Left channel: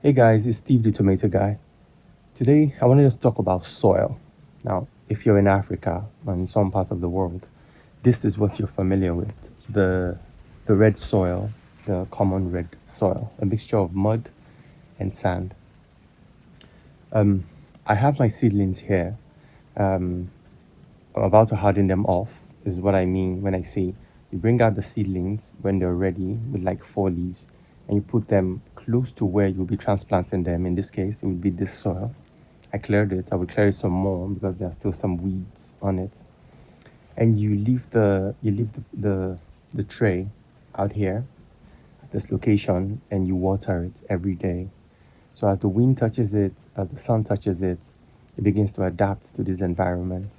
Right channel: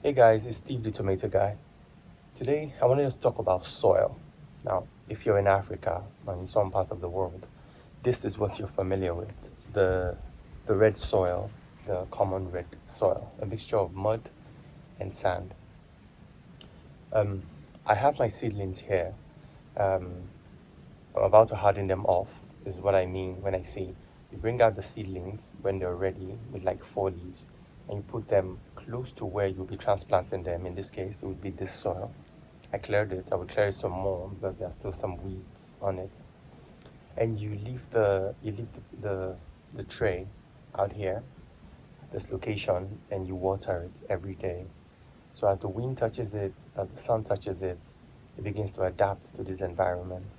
Hey guys, it's Steve the Tomato Guy. Today I wanted to talk about soil. Now, if you're in Africa or in some parts of the world, this is what you're familiar with. The red soil, the common red soil, a mixture of mud and sand. I have my seedlings here. I'm about to harden them off, is what I mean when I say you bring out the seedlings when they're ready with like 4 leaves and you put them close to where you'll be transplanting them. In this case, it would be this soil. I cleared it. I will clear it some more because there are still some weeds on it. And you leave the tray out here, this location, and you water it every day. So as the wind touches it, as the sun touches it, it begins to adapt to this environment.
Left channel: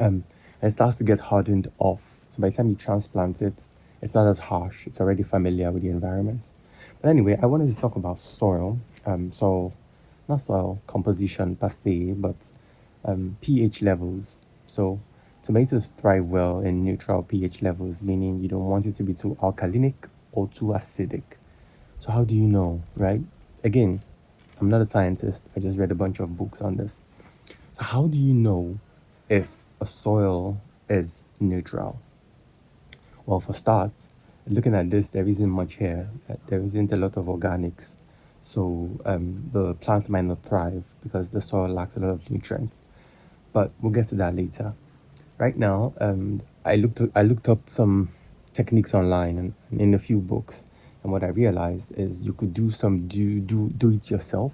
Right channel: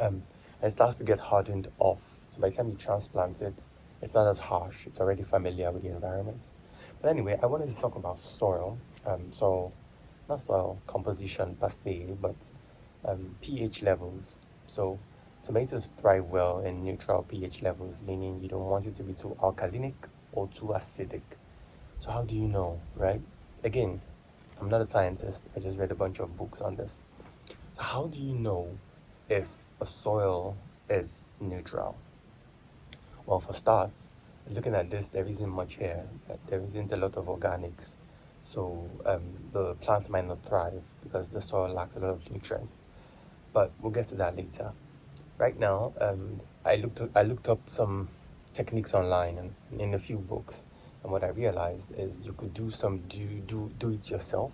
And it starts to get hardened off. So by the time you transplant it, it's not as harsh. It's already familiar with the environment. But anyway, I wanted to talk about soil. So not soil composition per se, but pH levels. So tomatoes thrive well in neutral pH levels, meaning you don't want it to be too alkalinic or too acidic. So how do you know, right? Again, I'm not a scientist. I just read a bunch of books on this. So how do you know if a soil is neutral? Well, for starts, looking at this, there isn't much here. There isn't a lot of organics. So the plants might not thrive because the soil lacks a lot of nutrients. But we'll get to that later. Right now, I looked up some techniques online and in a few books. And what I realized is you could do some do it yourself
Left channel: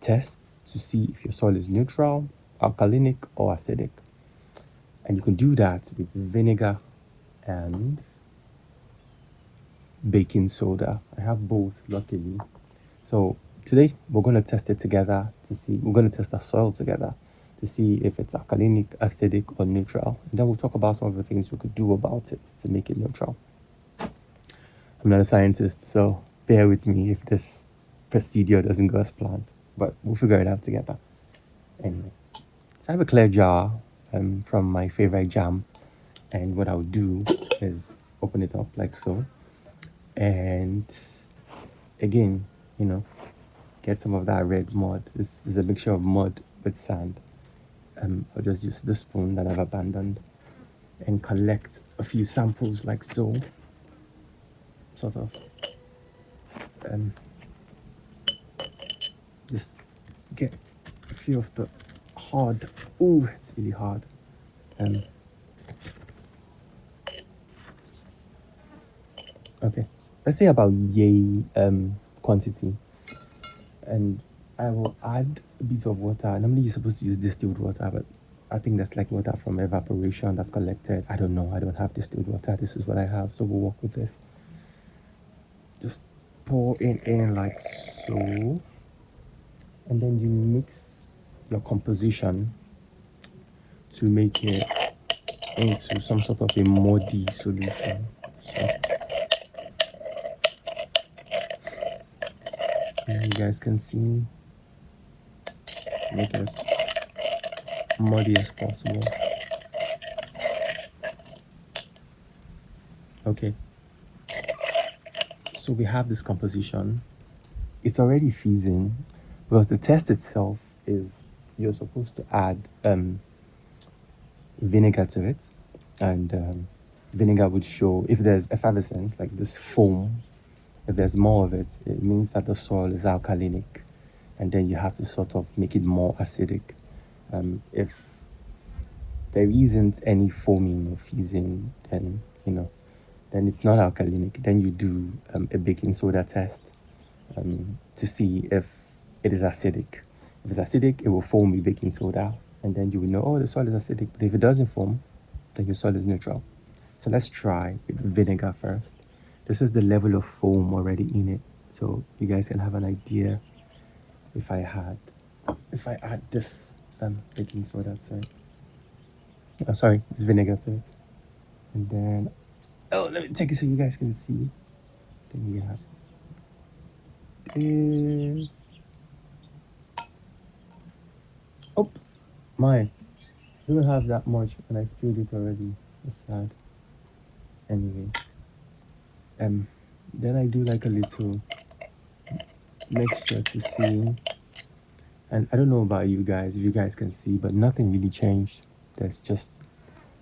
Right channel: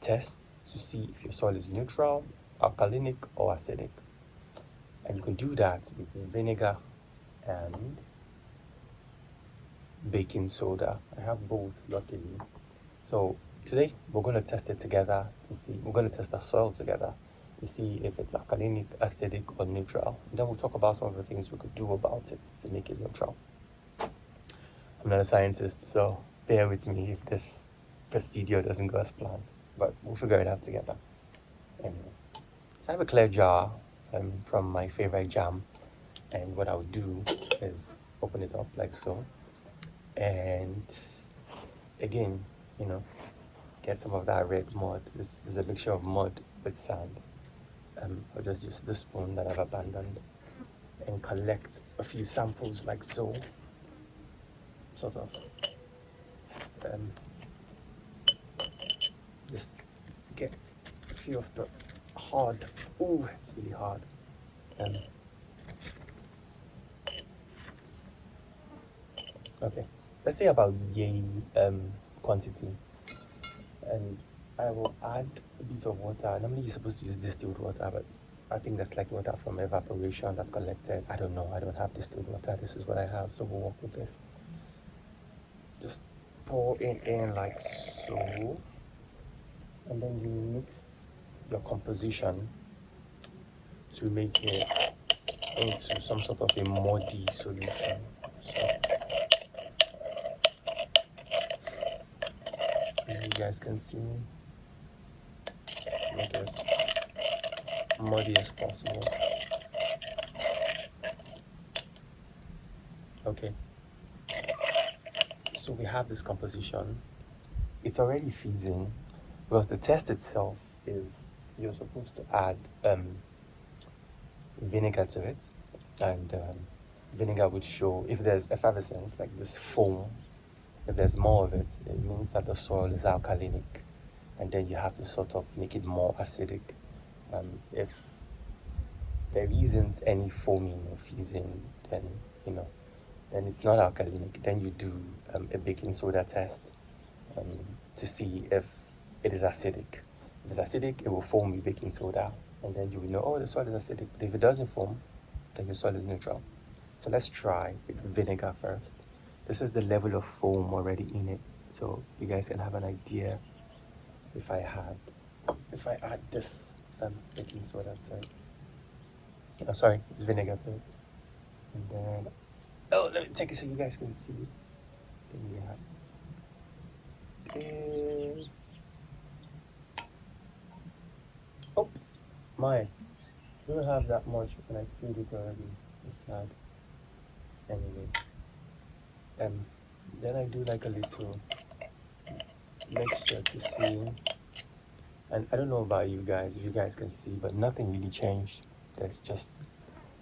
tests to see if your soil is neutral, alkalinic, or acidic. And you can do that with vinegar and baking soda. I have both, luckily. So today we're going to test it together to see, we're going to test our soil together to see if it's alkalinic, acidic, or neutral. And then we'll talk about some of the things we could do about it to make it neutral. I'm not a scientist, so bear with me if this procedure doesn't go as planned, but we'll figure it out together. Anyway, so I have a clear jar from my favorite jam, and what I'll do is open it up like so, and again, you know, get some of that red mud. This is a mixture of mud with sand. I'll just use the spoon that I've abandoned and collect a few samples like so, sort of, and just get a few of the hard. Ooh, it's really hard. Okay, let's say about yay quantity, and I will add a bit of water. Normally you're supposed to use distilled water, but I think that's like water from evaporation that's collected. I don't know. I don't have distilled water. This is what I have, so we'll work with this. Just pour it in like so, and then you mix your composition to make it into some sort of a muddy solution. So, you guys can see, make it as muddy as possible. Okay, so we have this composition. It's already fizzing because the test itself is you're supposed to add vinegar to it, and vinegar would show if there's effervescence, like this foam. If there's more of it, it means that the soil is alkalinic, and then you have to sort of make it more acidic. If there isn't any foaming or fizzing, then then it's not alkalinic. Then you do a baking soda test to see if it is acidic. If it's acidic, it will foam with baking soda, and then you will know, oh, the soil is acidic. But if it doesn't foam, then your soil is neutral. So let's try with vinegar first. This is the level of foam already in it, so you guys can have an idea. If I add this baking soda to it, sorry, it's vinegar to it, and then let me take it so you guys can see. Then we have oh my, we don't have that much, and I spilled it already. It's sad. Anyway, then I do like a little mixture to see. And I don't know about you guys, if you guys can see, but nothing really changed. There's just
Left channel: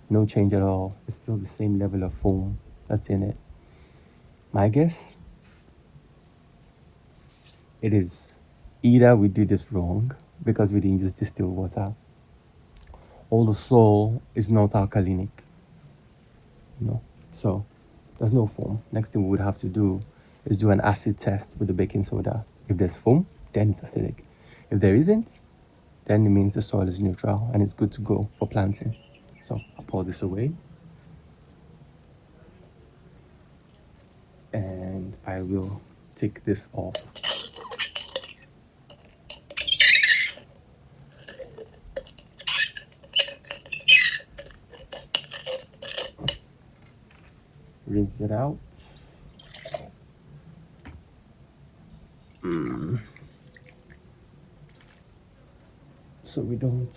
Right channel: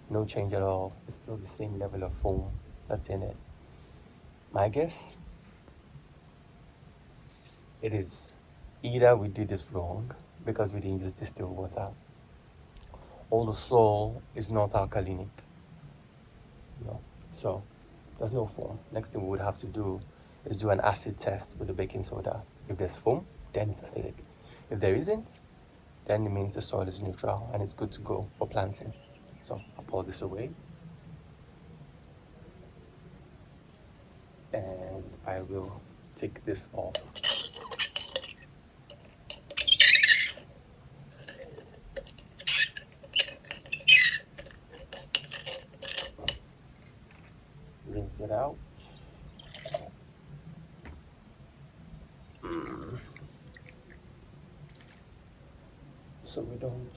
no change at all. It's still the same level of foam that's in it. My guess, it is either we did this wrong because we didn't use distilled water, or the soil is not alkalinic. So there's no foam. Next thing we would have to do is do an acid test with the baking soda. If there's foam, then it's acidic. If there isn't, then it means the soil is neutral and it's good to go for planting. So I'll pour this away and I will take this off. Rinse it out. So we don't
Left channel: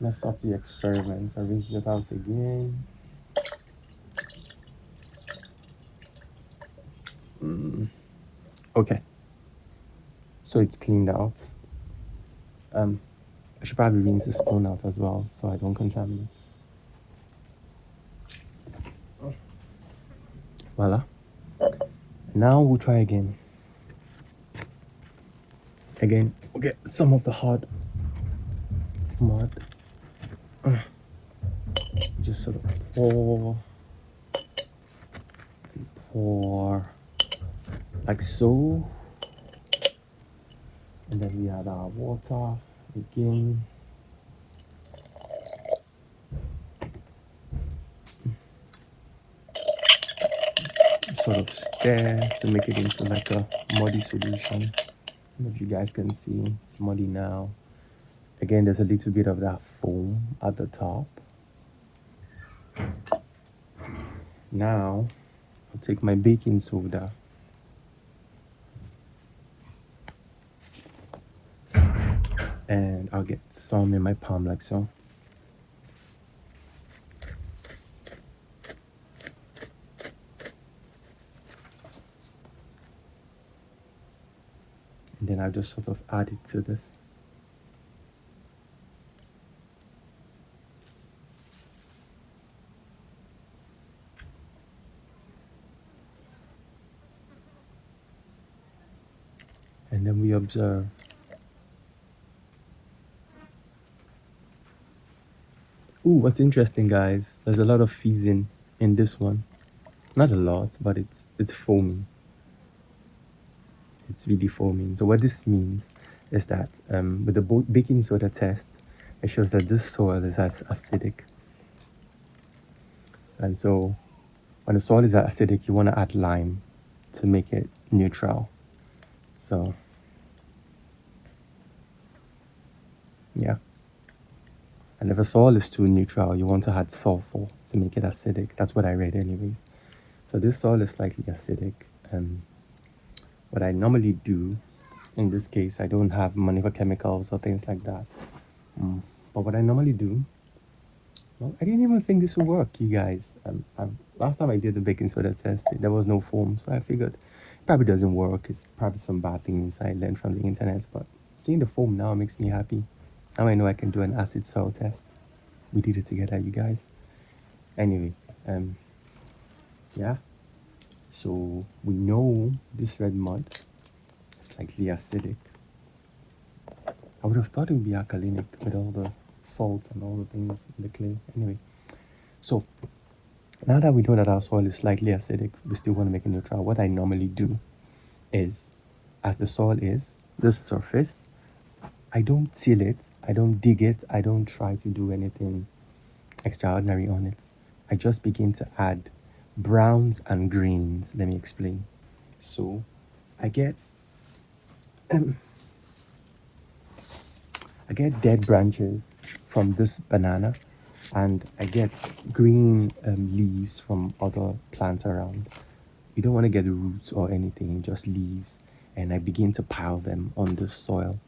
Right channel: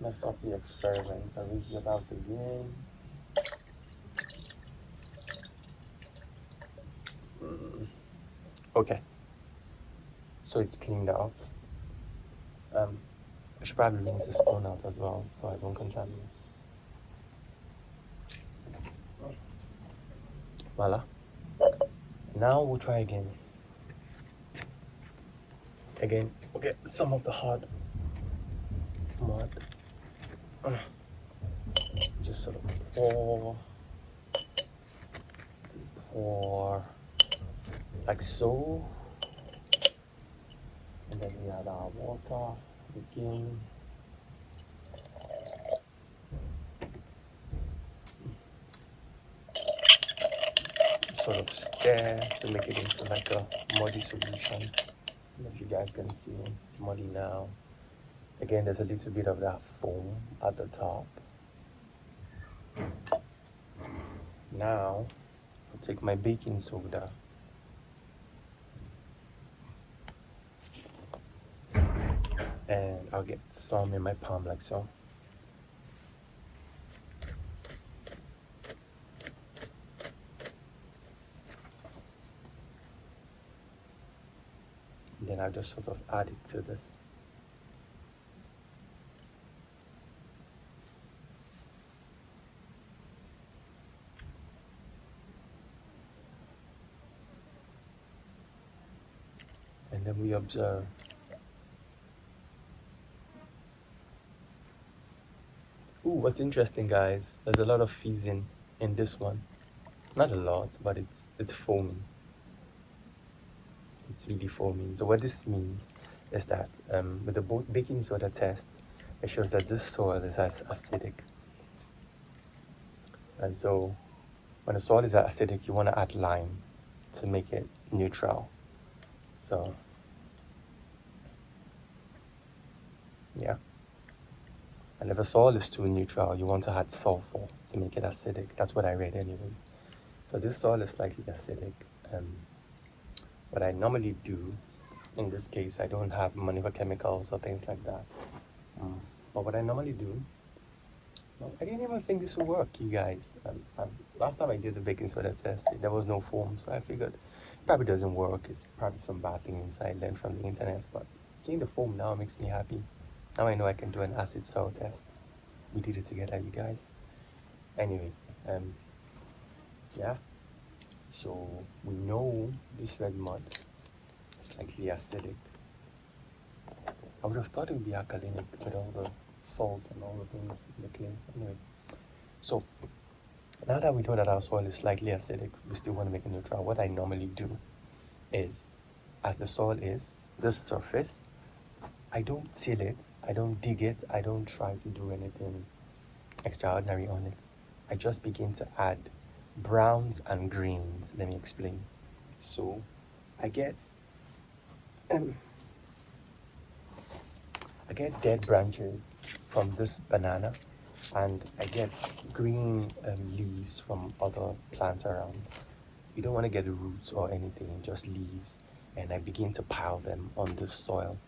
mess up the experiment. I rinse it out again. Okay, so it's cleaned out. I should probably rinse the spoon out as well so I don't contaminate. Voila. Now we'll try again. Again, we'll get some of the hard mud. Just sort of pour like so. And then we add our water again. Sort of stir to make it into like a muddy solution. If you guys can see, it's muddy now. Again, there's a little bit of that foam at the top. Now, I'll take my baking soda and I'll get some in my palm like so. And then I'll just sort of add it to this. And then we observe. Ooh, what's interesting, guys, there's a lot of fizzing in this one. Not a lot, but it's foaming. It's really foaming. So what this means is that with the baking soda test, it shows that this soil is acidic. And so when the soil is acidic, you want to add lime to make it neutral. So yeah. And if a soil is too neutral, you want to add sulfur to make it acidic. That's what I read anyways. So this soil is slightly acidic. What I normally do, in this case, I don't have money for chemicals or things like that. But what I normally do, well, I didn't even think this would work, you guys. Last time I did the baking soda test, there was no foam. So I figured it probably doesn't work. It's probably some bad things I learned from the internet. But seeing the foam now makes me happy. Now I know I can do an acid soil test. We did it together, you guys. Anyway, yeah. So we know this red mud is slightly acidic. I would have thought it would be alkalinic with all the salt and all the things in the clay. Anyway, so now that we know that our soil is slightly acidic, we still want to make a neutral. What I normally do is, as the soil is, this surface, I don't till it, I don't dig it, I don't try to do anything extraordinary on it. I just begin to add browns and greens. Let me explain. So I get dead branches from this banana, and I get green leaves from other plants around. You don't want to get roots or anything, just leaves. And I begin to pile them on the soil.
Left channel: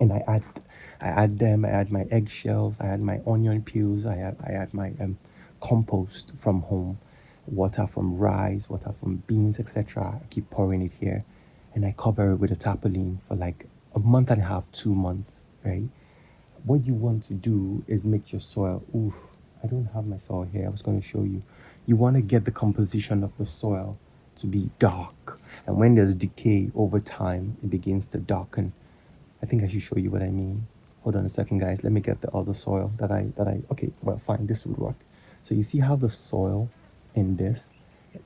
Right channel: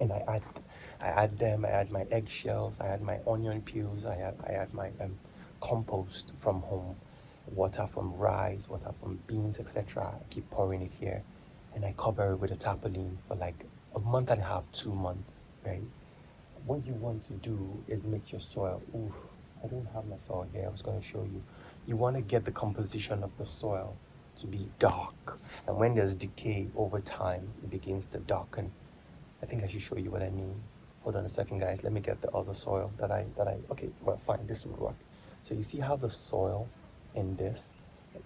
And I add them, I add my eggshells, I add my onion peels, I add my compost from home, water from rice, water from beans, etc. I keep pouring it here. and I cover it with a tarpaulin for like a month and a half, 2 months, right? What you want to do is make your soil, oof, I don't have my soil here, I was going to show you. You want to get the composition of the soil to be dark. And when there's decay over time, it begins to darken. I think I should show you what I mean. Hold on a second, guys. Let me get the other soil okay, well, fine, this would work. So you see how the soil in this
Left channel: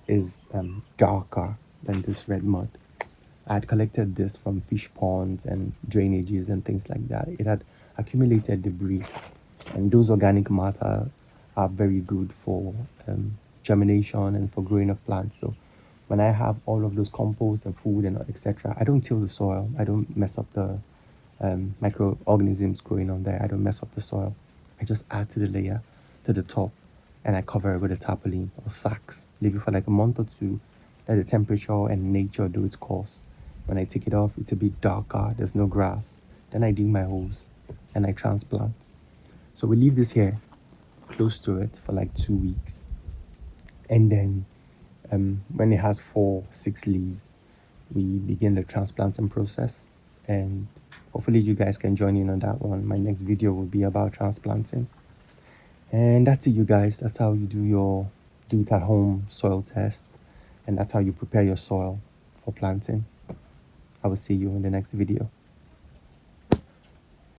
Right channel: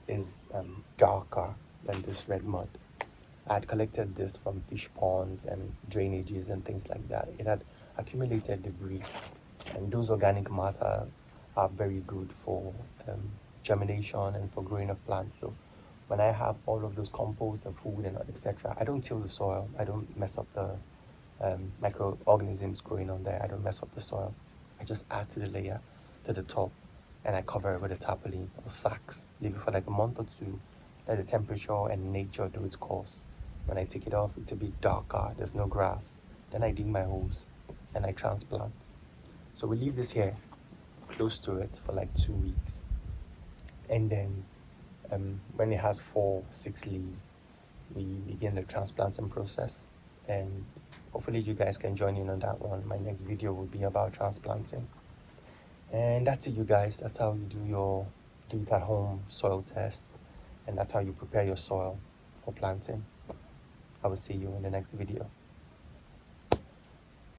is darker than this red mud. I had collected this from fish ponds and drainages and things like that. It had accumulated debris, and those organic matter are very good for germination and for growing of plants. So when I have all of those compost and food and etc., I don't till the soil. I don't mess up the microorganisms growing on there. I don't mess up the soil. I just add to the layer, to the top, and I cover it with a tarpaulin or sacks. Leave it for like a month or two. Let the temperature and nature do its course. When I take it off, it's a bit darker. There's no grass. Then I dig my holes and I transplant. So we leave this here close to it for like 2 weeks. And then when it has 4-6 leaves, we begin the transplanting process. And hopefully you guys can join in on that one. My next video will be about transplanting. And that's it, you guys. That's how you do it at home soil test. And that's how you prepare your soil for planting. I will see you in the next video.